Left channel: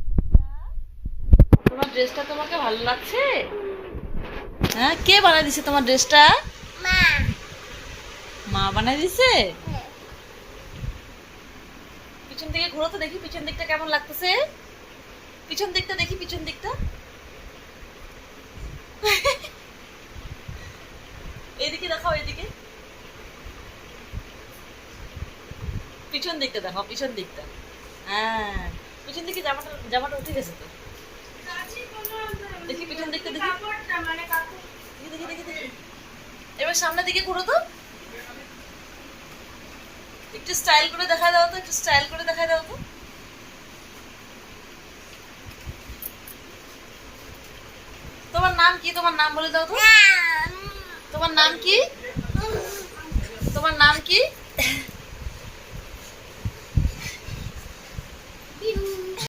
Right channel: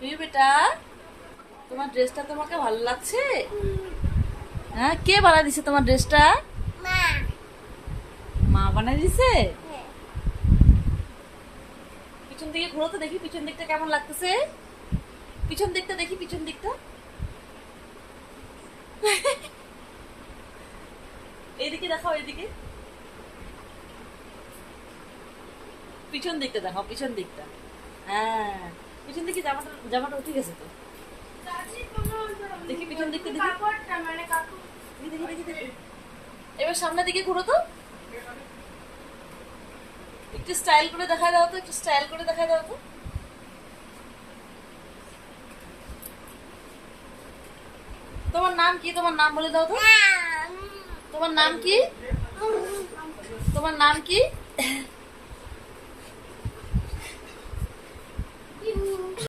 তুই বেটা, তোমার ড্রেসটা তোমাকে ভালো লাগছে? হ্যাঁ, কে বানাই দিছে তোমার ড্রেসটা? মা। মা বানাই দিছে? হ্যাঁ। পিছন দিকে ঘুরো তো দেখি, পিছন দিকটা কেমন লাগতেছে। পিছন দিকটা দেখি, পিছন দিকটা। এইদিকে দেখাও, এইদিকে। পিছন দিকটা দেখাও, পিছন দিকটা। হ্যাঁ, পিছন দিকে জামাটা জামাটা উঠে গেছে তো। দেখি পিছন দিকটা দেখি। দেখি দেখি দেখি দেখি। এবার সামনের দিকে ঘুরো তো। একটু স্টাইল করে দেখায় দাও তো, একটু স্টাইল করে দেখায় দাও তো। তোমার নাম কি? তোমার নাম বলে দাও তো। তোমার নাম কি? তোমার নাম কি?